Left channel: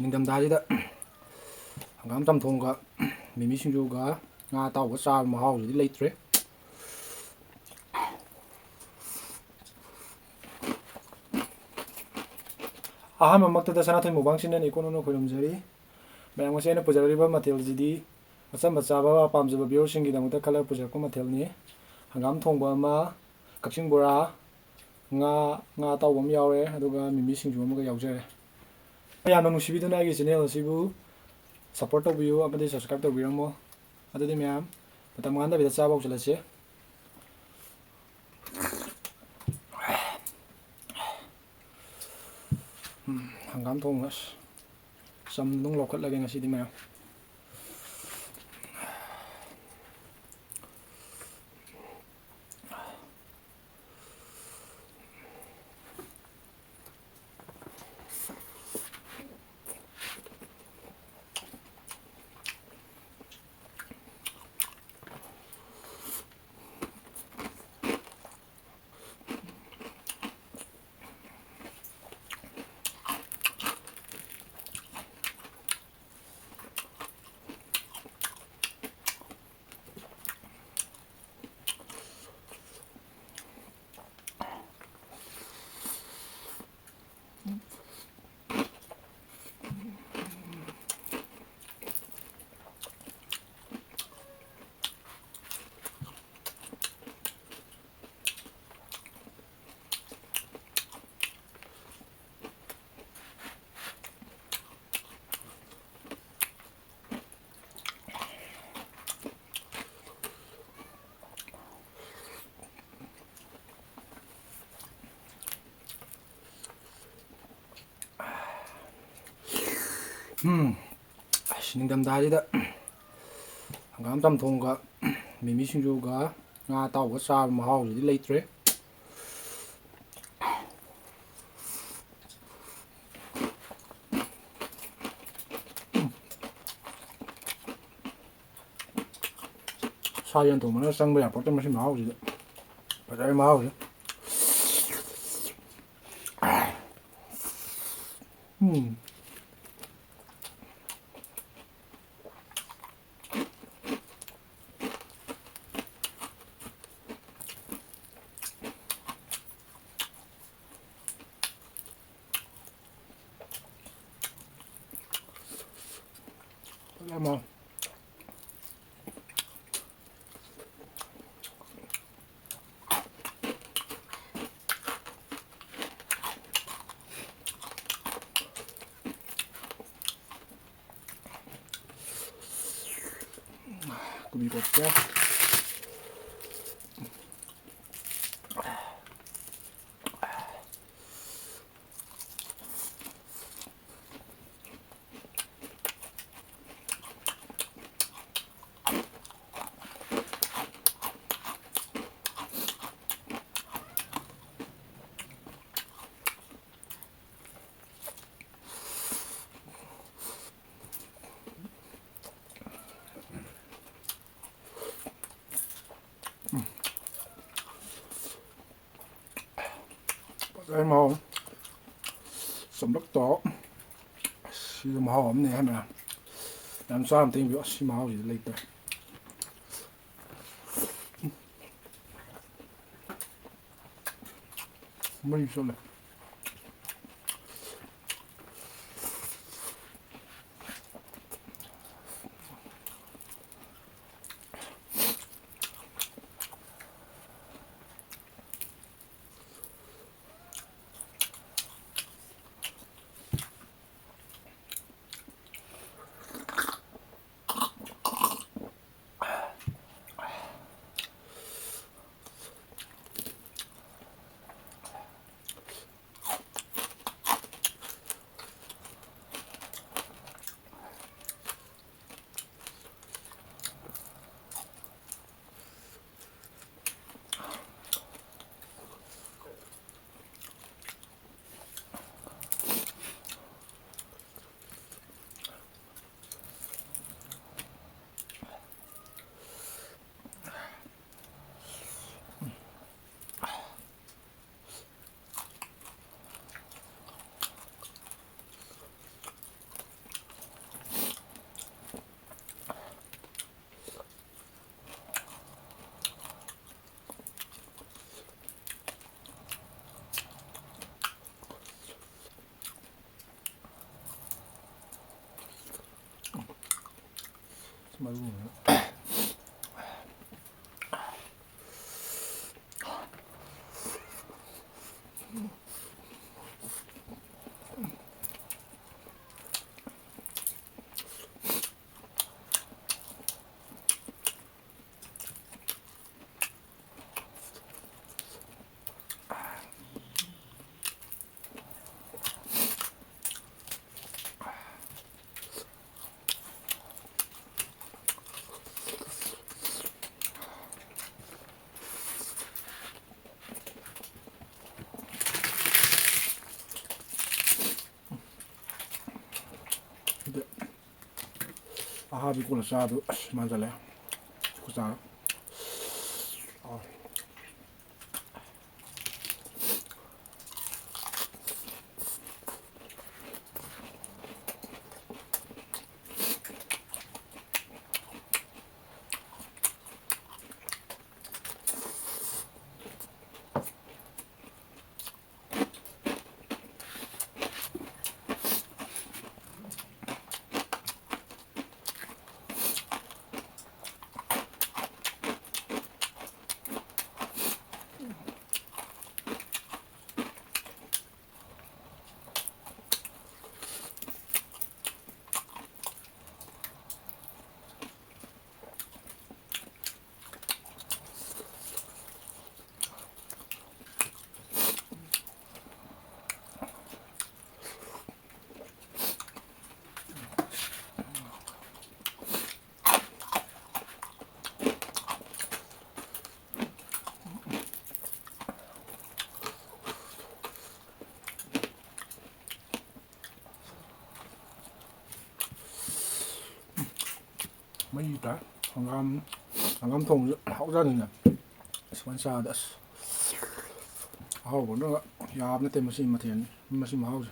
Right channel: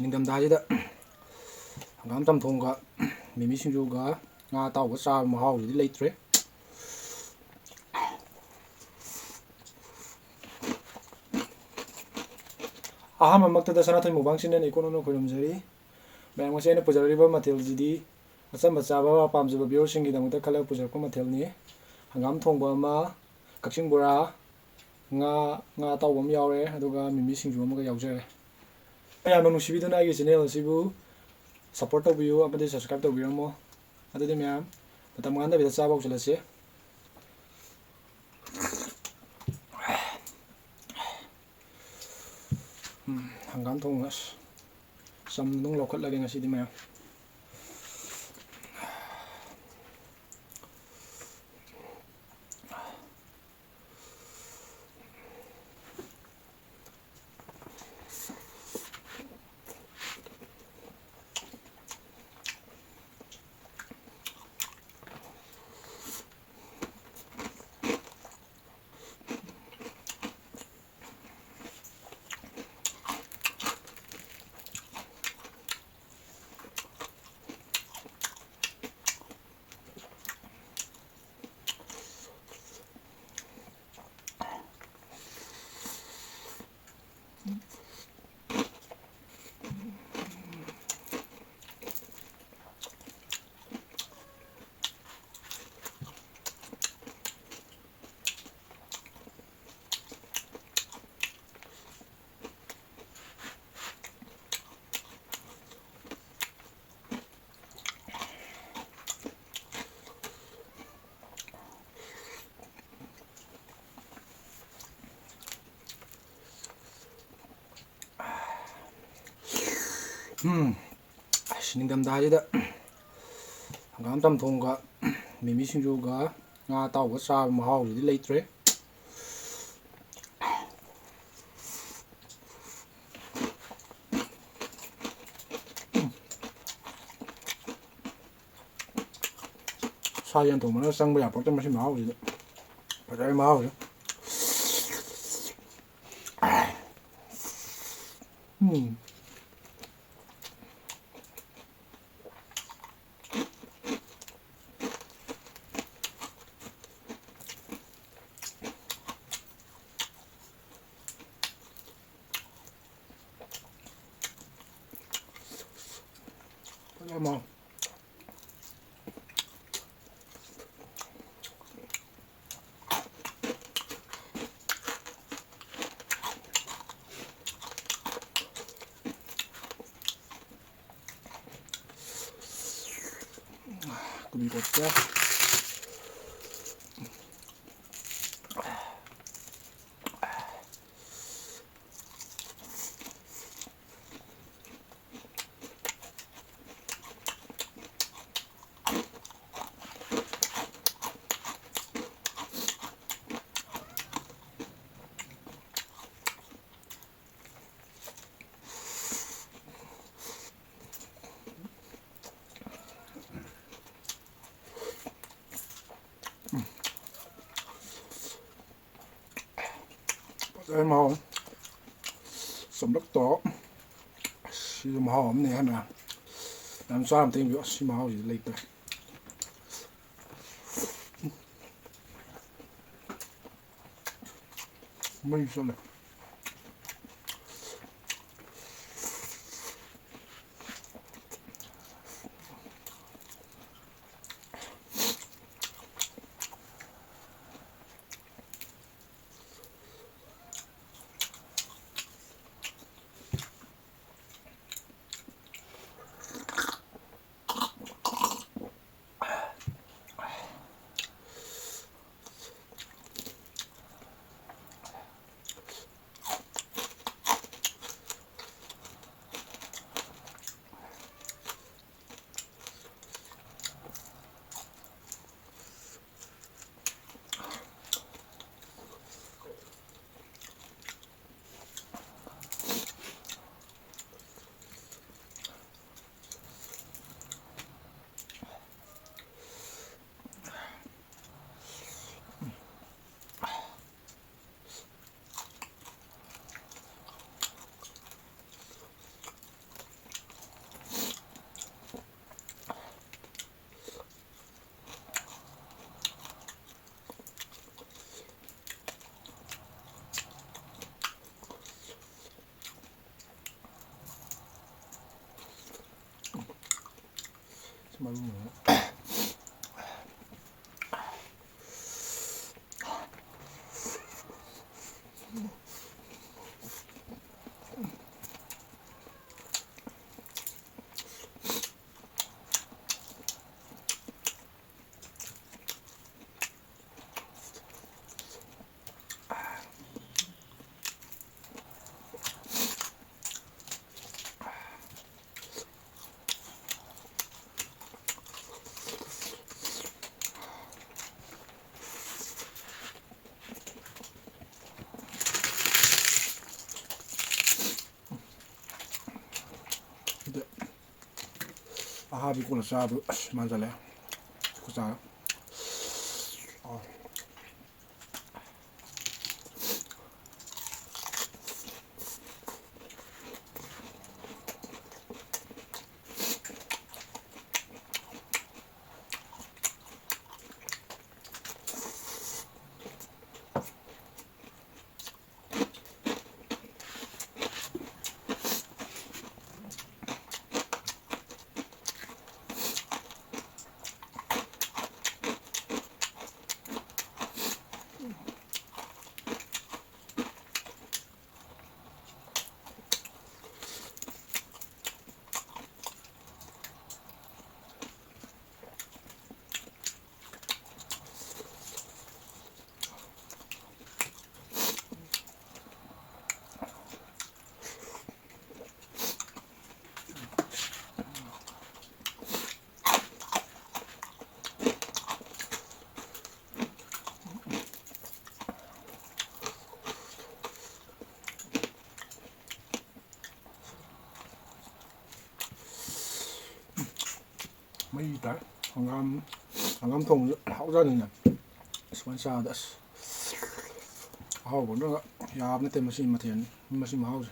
ꯅꯤꯡꯊꯝꯊꯥꯁꯤꯗ ꯍꯪꯒꯥꯝ ꯆꯝꯊꯣꯡꯒ ꯃꯤꯃꯤ ꯁꯤꯡꯖꯨꯒ ꯉꯥ ꯑꯇꯥꯎꯕ ꯆꯥꯕ ꯃꯍꯥꯎꯁꯤꯗꯤ ꯂꯩꯇ꯭ꯔꯦ. ꯑꯍꯥꯟꯕꯃꯛꯇꯗ ꯁꯅꯥꯊꯣꯏ ꯃꯨꯛꯕꯥꯡ ꯆꯦꯅꯦꯜ ꯏꯀꯣꯅꯣꯅ ꯈꯣꯏꯔꯝꯖꯔꯤ. ꯃꯌꯥꯝ ꯉꯁꯤ ꯑꯩꯅ ꯄꯨꯖꯔꯛꯂꯤꯕ ꯃꯊꯦꯜꯁꯤꯗꯤ ꯑꯆꯝꯕ ꯆꯥꯕ ꯄꯥꯝꯖꯕ ꯚꯤꯌꯨꯋꯔꯁꯤꯡꯒꯤꯗꯃꯛꯇ ꯈꯜꯂꯒ ꯄꯨꯖꯔꯛꯄ ꯃꯊꯦꯜꯅꯤ. ꯍꯪꯒꯥꯝ ꯊꯣꯡꯕ ꯑꯃ, ꯀꯛꯆꯤꯡ ꯕꯣꯔꯥ, ꯉꯥ ꯑꯇꯥꯎꯕ ꯑꯃ ꯌꯥꯎꯔꯦ, ꯑꯗꯨꯒ ꯃꯤꯃꯤ ꯁꯤꯡꯖꯨ ꯑꯃꯒ ꯌꯥꯎꯖꯔꯦ. ꯌꯥꯝꯅ ꯅꯨꯡꯁꯤꯕꯤꯗꯨꯅ ꯑꯩꯒꯤ ꯆꯦꯅꯦꯜ ꯑꯁꯤꯕꯨ ꯁꯞꯄꯣꯔꯠ ꯇꯧꯕꯤꯌꯨ ꯑꯃꯗꯤ ꯁꯕꯁꯀ꯭ꯔꯥꯏꯕ ꯇꯧꯕꯤꯔꯝꯃꯣ. ꯑꯗꯨꯗꯤ ꯃꯌꯥꯝ ꯃꯇꯝ ꯃꯥꯡꯍꯟꯗꯕꯤꯗ ꯆꯥꯕ ꯍꯧꯖꯤꯜꯂꯁꯤ. ꯍꯪꯒꯥꯝ ꯊꯣꯡꯕ ꯆꯝꯅ ꯑꯗꯨꯝ ꯂꯧꯈꯠꯂꯒꯦ ꯉꯁꯤꯗꯤ ꯃꯌꯥꯝ. ꯅꯤꯡꯊꯝꯊꯥꯁꯤꯗ ꯍꯪꯒꯥꯝ ꯆꯝꯊꯣꯡꯒ ꯃꯤꯃꯤ ꯁꯤꯡꯖꯨꯒ ꯉꯥ ꯑꯇꯥꯎꯕ ꯆꯥꯕ ꯃꯍꯥꯎꯁꯤꯗꯤ ꯂꯩꯇ꯭ꯔꯦ. ꯁꯥ ꯌꯦꯟ ꯊꯣꯡꯕꯅ ꯆꯪꯕ ꯌꯥꯄꯣꯠꯇꯦ ꯃꯁꯤ ꯃꯍꯥꯎꯁꯤꯗꯤ. ꯐꯖꯔꯦ ꯃꯍꯥꯎꯁꯤ. Fazere mahal. Kubi kotka. Fazere mahal. Samlak to. Sida mahal amne hana. Nam sam ting bi si mahal ji leiter. Mai sole. ꯃꯔꯨ ꯑꯍꯥꯕꯤ ꯀꯣꯟꯅ ꯆꯥꯕꯗꯨ ꯑꯁ ꯃꯥꯟꯖꯜꯂꯦ ꯈꯨꯆꯥ ꯃꯩ ꯇꯥꯏ ꯍꯪꯒꯥꯝ ꯊꯣꯡꯕꯁꯨ ꯍꯥꯎꯖꯥꯅꯤꯅꯦ ꯁꯨꯃꯥꯏꯅ ꯆꯥꯕꯗ ꯑꯁ ꯑꯍꯥꯎꯕꯅ ꯌꯥꯕ ꯅꯠꯇꯦ ꯃꯁꯤ ꯃꯊꯦꯜ ꯃꯁꯤ ꯃꯍꯥꯎꯁꯦ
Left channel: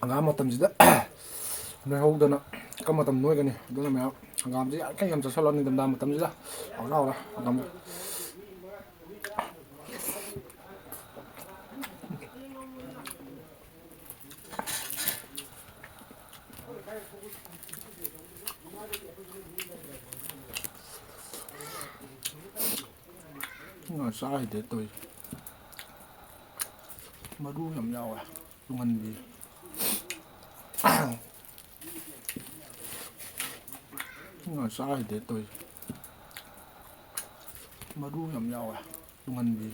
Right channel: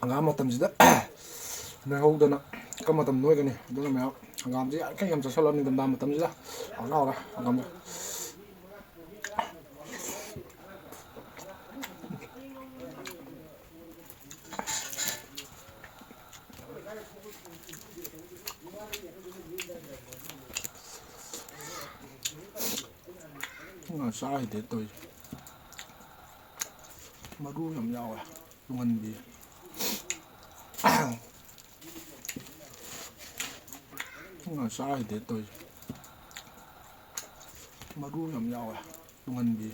ꯍꯪꯒꯥꯝ ꯃꯇꯝꯁꯤꯗ ꯅꯣꯏꯍꯧꯗꯅ ꯀꯔꯝꯕ ꯃꯇꯝ ꯅꯣꯏꯒꯅꯤ ꯑꯗꯨꯅ ꯃꯌꯥꯝ ꯍꯪꯒꯥꯝꯁꯤ ꯌꯥꯝ ꯌꯥꯝ ꯆꯠꯁꯜꯂꯣ ꯅꯤꯡꯊꯝꯊꯥ ꯃꯇꯝꯁꯤꯗ ꯍꯥꯎꯔ ꯍꯥꯎꯔꯦ ꯍꯪꯒꯥꯝꯁꯦ ꯆꯥꯈꯤꯗꯦ ꯇꯧꯔꯤꯁꯦ ꯃꯔꯨ ꯌꯥꯝ ꯌꯥꯎꯋꯦ ꯇꯨꯡꯍꯟꯕꯤ ꯆꯥꯈꯤꯗꯦ ꯇꯧꯔꯤꯁꯦ ꯃꯔꯨ ꯌꯥꯝ ꯌꯥꯎꯋꯦ ꯇꯨꯡꯍꯟꯕꯤ